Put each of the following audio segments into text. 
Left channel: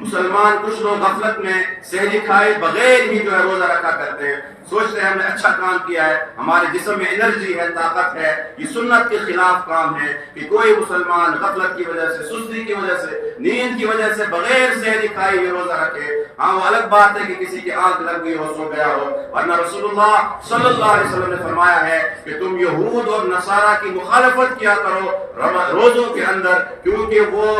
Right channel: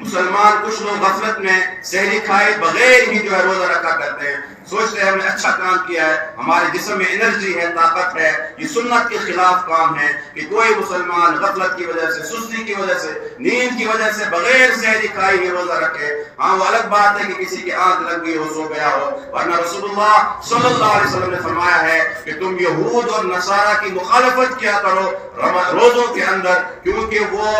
مسلمان کچھ لوگ غفلت میں سحری کھائے بغیر ہی جو ہے روزہ رکھا کرتے ہیں، سوچتے ہیں ہم نے اچھا کام کیا ہے، ہمارے جسم میں انرجی ہے، طاقت ہے۔ یہ سنت کے خلاف کام ہے کہ کوئی مسلمان غفلت کی وجہ سے، سستی کی وجہ سے، نیند کی وجہ سے بغیر سحری کھائے یہ روزہ رکھے۔ ہاں وہ الگ بات ہے کہ کسی کی آنکھ لگ گئی ہو، سو گیا ہو، ورنہ رسول اللہ صلی اللہ علیہ وسلم نے فرمایا ہے کہ تم یہود اور نصارہ کی مخالفت کیا کرو روزوں کے اندر، کیونکہ وہ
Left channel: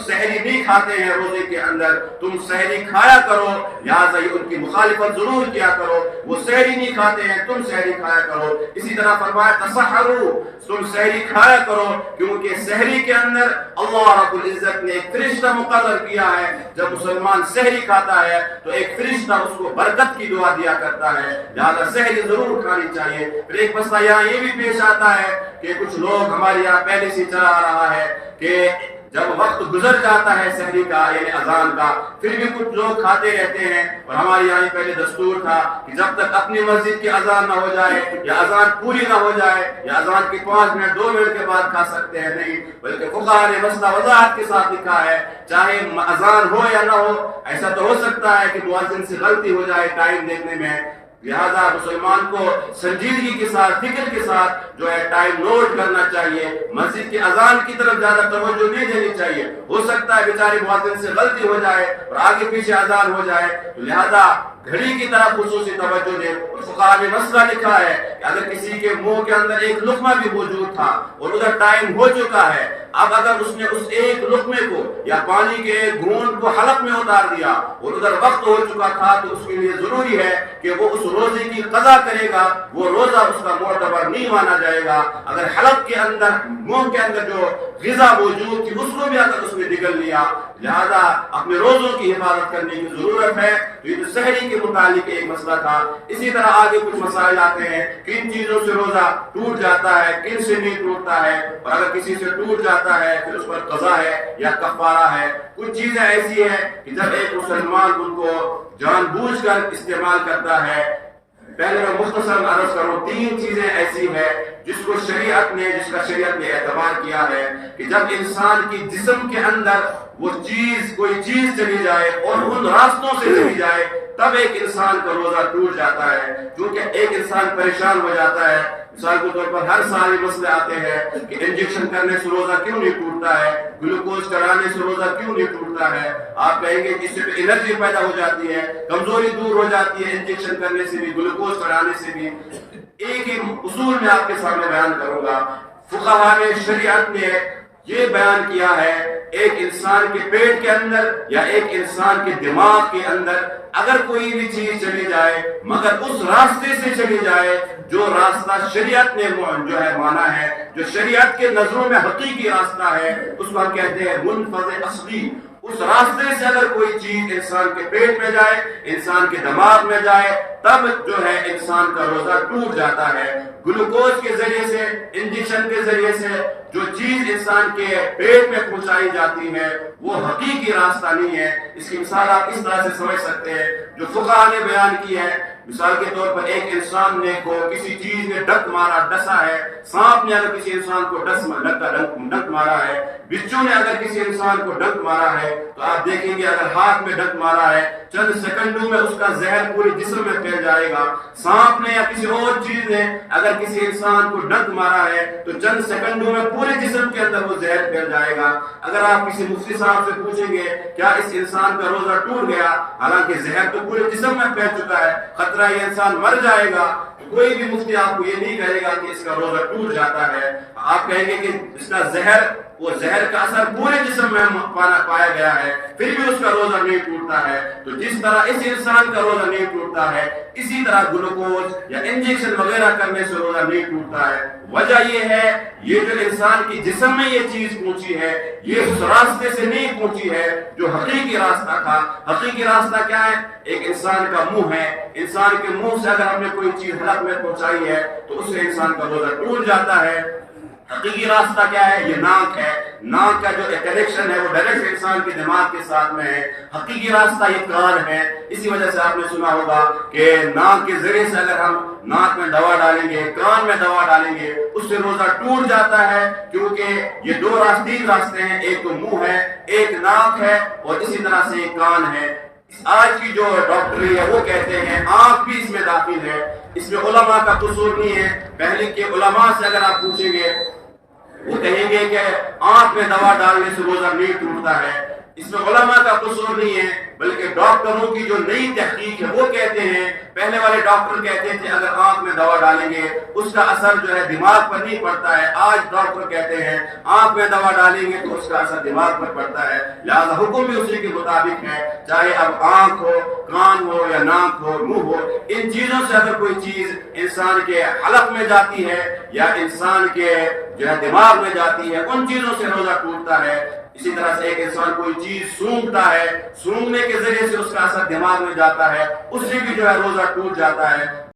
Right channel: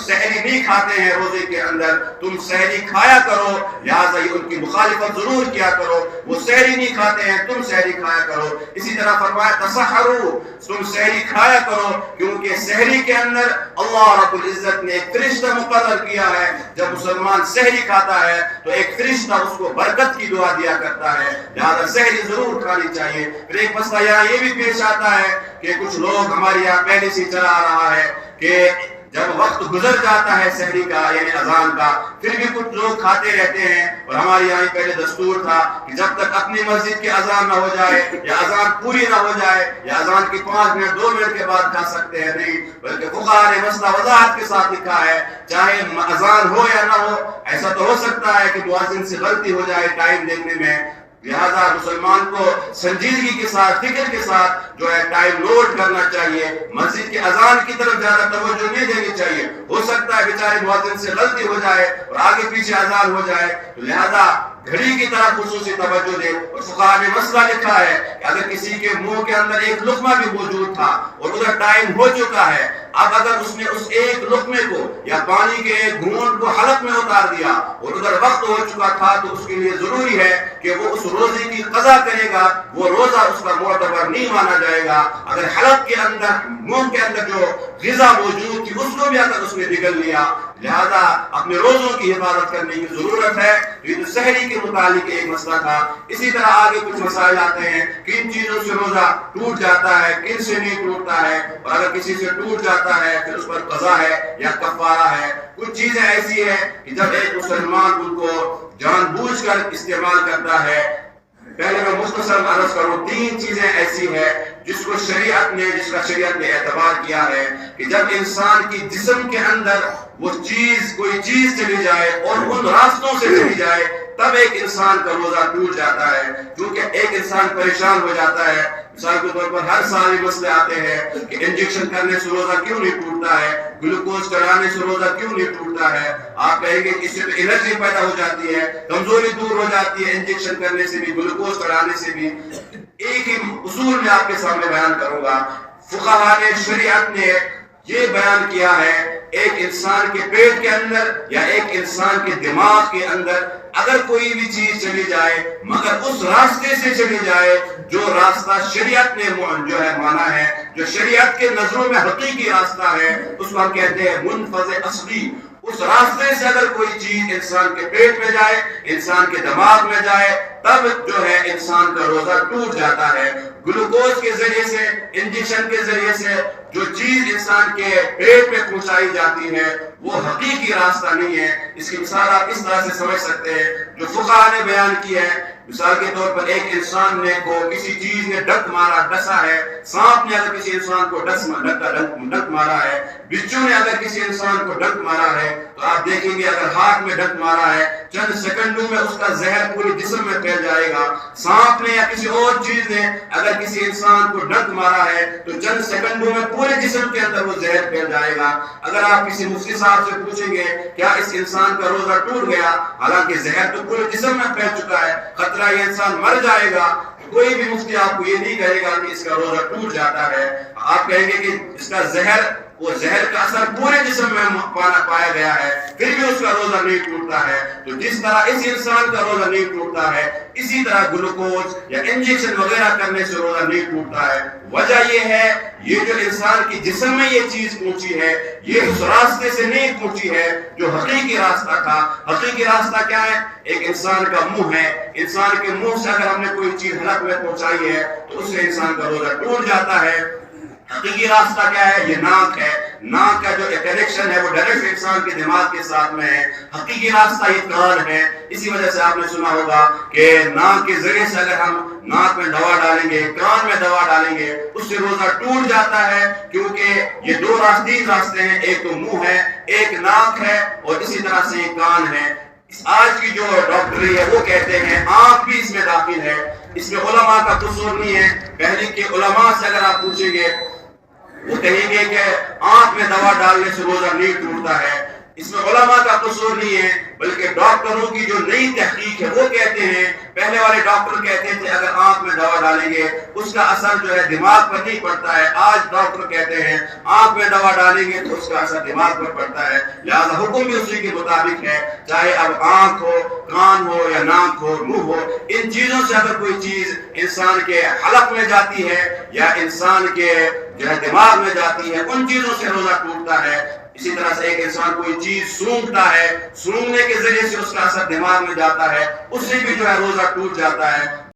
سحری نہیں کھاتے ہیں روزے کے اندر، تم سحری کھایا کرو، لہٰذا یہ ان کی مخالفت ضرور کیا کرو۔ وہ سحری نہیں کھاتے ہیں، تم سحری کھایا کرو۔ اسی طرح فرمایا تسحروا، تم سحری کھایا کرو، کیونکہ سحری کے اندر اللہ رب العزت نے ایک فرشتہ مقرر کیا ہے۔ جب مسلمان سحری کھاتا ہے تو ایک فرشتہ اس کو برکت کی دعا دیا کرتا ہے، لہٰذا سحری ضرور کھانی چاہیے۔ پھر ایک مسئلہ یہاں یہ بھی پیش آتا ہے کہ کچھ لوگ ہمارے یہاں پہلے سے چلا آ رہا ہے کہ جب وقت گزر جاتا ہے سحری کا یعنی اذان کا، پھر بھی کچھ لوگ کھاتے رہتے ہیں، اور ہمارے یہاں پہلے دستور تھا کہ جب تک اپنی مسجد کی اذان نہ ہو جائے یا اذان پوری نہ ہو جائے یا اذان کے 5 منٹ 2 منٹ کے بعد کھا سکتے ہیں، نہیں، بلکہ فقہاء نے مسئلہ وضاحت کے ساتھ لکھا ہے، چاہے اذان ہو یا نہ ہو، ایسا تو ہو سکتا ہے کہ مؤذن سے غلطی ہو جائے ٹائم دیکھنے میں، لہذا مسلمان کو سنجیدگی کے ساتھ، فکر کے ساتھ جو ہے ٹائم نوٹ کرنا چاہیے، مسجد کی اذان کی طرف زیادہ توجہ نہیں دینی چاہیے۔ ہو سکتا ہے بیچارے مؤذن سے غلطی ہو جائے اور آگے پیچھے اذان ہو جائے، تو لہذا گھڑی کی طرف خصوصی توجہ دے۔ اور فقہاء نے مسئلہ لکھا ہے کہ اگر کسی کے منہ کے اندر ایک لقمہ بھی موجود تھا اور ادھر ٹائم ہو چکا ہے، اب اگر اس نے اس ایک لقمے کو یا پانی کے ایک گھونٹ کو حلق میں اتار دیا اور ادھر وقت ہو چکا تھا، تو اس کے لیے ضروری ہے کہ وہ اس روزے کی قضا کرے گا، وہ روزہ اس کا معتبر نہیں مانا جائے گا۔ اگر حلق کے اندر، منہ کے اندر جو غذا موجود تھی اس کو بھی اگر اس نے نگل لیا، لہذا اپنے روزوں کی حفاظت کرنے کی ضرورت ہے۔ یہ تو سحری کے متعلق ایک مسئلہ تھا۔ اسی طرح آگے کچھ مسائل آتے ہیں، کن چیزوں سے روزہ ٹوٹ جاتا ہے، کن سے نہیں ٹوٹتا ہے، اور اگر کسی سے ٹوٹ جاتا ہے پھر اس پر قضا ہے یا کفارہ ہے۔ کچھ چیزیں ایسی ہیں کہ جب ایک مسلمان ان کو جان بوجھ کر استعمال کرتا ہے، پہلے میں مختصر عرض کروں، 3 چیزیں ایسی ہیں جس کا شریعت نے اعتبار کیا ہے کہ جب انسان کی جسم کے اندر وہ چیز، کوئی چیز چلی جائے اور ان راستوں سے چلی جائے، تب ایک انسان کا روزہ ٹوٹ جاتا ہے، کیونکہ ایک انسان پریشان ہو جاتا ہے۔ مثال کے طور پر ہر سال یہ مسئلے آتے ہیں کہ انجیکشن کرنے سے روزہ کیوں نہیں ٹوٹتا ہے، گلوکوز چڑھانے سے روزہ کیوں نہیں ٹوٹتا ہے۔ آپ کہیں گے کہ اس سے تو انرجی پیدا ہو جاتی ہے، کمزوری دور ہو جاتی ہے انجیکشن کرنے سے بھی، گلوکوز چڑھانے سے بھی۔ ایک ہی اصول میں آپ کے سامنے بیان کروں گا۔ فقہاء نے، شریعت نے یہ بیان کیا ہے، ایک انسان کے پیٹ کے اندر یا ایک انسان کے دماغ کے اندر اگر کوئی بھی چیز چلی جائے مگر اس راستے سے چلی جائے جو راستہ شریعت نے جو ہے مانا ہے، جو شریعت کے نظروں میں حقیقی راستہ ہے، اس کو ہم کہتے ہیں منفذ اصلی۔ اس راستے سے اگر کوئی چیز انسان کے پیٹ میں جائے، انسان کے دماغ میں جائے، تب جو ہے انسان کا روزہ ٹوٹ جاتا ہے۔ گلوکوز کے ذریعے سے، انجیکشن کے ذریعے سے جو چیز انسان کے پیٹ میں پہنچائی جاتی ہے وہ حقیقی راستہ نہیں ہے۔ اس کی مثال آپ اس طرح سے سمجھ سکتے ہیں جو فقہاء نے بیان کی ہے۔ مثال کے طور پر ایک انسان نے کو کسی چیز نے ڈک مارا، ڈسا ہے، سانپ نے اگر کسی انسان کو ڈک مارا ہے، بچھو نے اگر کسی انسان کو ڈک مارا ہے، تو آپ دیکھیں گے اگر ہاتھ میں ڈک مارا ہے چند سیکنڈوں میں اس کا زہر پورے جسم میں پھیل جائے گا۔ سانپ نے یا کسی اور چیز نے اگر کسی انسان کو ڈک مارا ہے تو چند سیکنڈوں میں پورے جسم کے اندر وہ زہر پھیل جائے گا۔ اگر آپ کسی مفتی صاحب سے پوچھیں گے کیا اس انسان کا روزہ ٹوٹ گیا، حالانکہ زہر تو پورے جسم میں پھیل چکا ہے، خطرہ یہ انسان مر جائے گا، کوئی بھی مفتی آپ کو یہ نہیں کہے گا کہ اس کا روزہ ٹوٹ جاتا ہے۔ آپ کہیں گے کہ اس کا زہر، وہ زہر کا اثر پورے جسم میں پایا گیا ہے، پھر بھی اس کا روزہ نہیں ٹوٹتا ہے۔ تو جس طرح اس انسان کا روزہ نہیں ٹوٹتا ہے، اسی طرح گلوکوز یا انجیکشن وغیرہ کرنے سے روزہ نہیں ٹوٹتا ہے۔ وجہ یہ ہے، یہ جو انسان کی جسم میں یہ چیز پہنچی ہے، یہ اس راستے سے نہیں پہنچی ہے جو حقیقی راستہ تھا۔ حقیقی راستہ کیا ہے؟ ایک انسان کا منہ ہے، انسان کے منہ سے اگر ہم نے کوئی چیز حلق میں پہنچائی ہے تو اس سے انسان کا روزہ ٹوٹ جاتا ہے۔ حقیقی راستہ کیا ہے؟ یہ ناک ہے. ناک کا جو کنیکشن ہے وہ ڈائریکٹ انسان کے دماغ کے ساتھ میں ہے. حقیقی راستہ یہ کان ہے. اسی وجہ سے آپ نے سنا ہوگا کہ ناک کے ذریعے سے اگر ہم ناک میں دوا ڈالیں گے، کان میں دوا ڈالیں گے، اس سے روزہ ٹوٹ جاتا ہے، کیونکہ یہ دو راستے ہیں. ایک تو منہ ہے، ایک ناک ہے، اور اسی طرح سے یہ کان ہے. آج کی جو ڈاکٹری ہے وہ کہتے ہیں آنکھ بھی اس میں داخل ہے. اس میں علماء کا قصور نہیں ہے. پہلے کے علماء سے اگر آپ پوچھیں گے وہ کہیں گے کہ آنکھ میں دوا ڈالنے سے روزہ نہیں ٹوٹتا ہے. اس میں علماء کا قصور نہیں ہے، بلکہ ڈاکٹروں کی جو نئی تحقیق ہے وہ کہتے ہیں، پہلے والے ڈاکٹر کہتے تھے اگر آنکھ میں دوا ڈالیں گے اس کا اثر جو ہے دماغ پر نہیں پڑتا ہے. آج ڈاکٹر کہتے ہیں آنکھ میں دوا ڈالیں گے تو اس کا اثر دماغ پر پڑتا ہے. لہذا حکم بھی اسی کے مطابق ہے، چاہے اب آنکھ ہو، کان ہو، یا ناک ہو، منہ ہو. ان چیزوں سے اگر کوئی چیز انسان کے حلق میں جاتی ہے یا انسان کے جو ہے دماغ میں جاتی ہے، ان چیزوں سے روزہ ٹوٹتا ہے. اسی طرح سے ایک انسان کوئی چیز سونگتا ہے، سونگنے کے ذریعے سے اس کا اثر دماغ میں جاتا ہے، اس سے بھی جو ہے روزہ ٹوٹ جاتا ہے.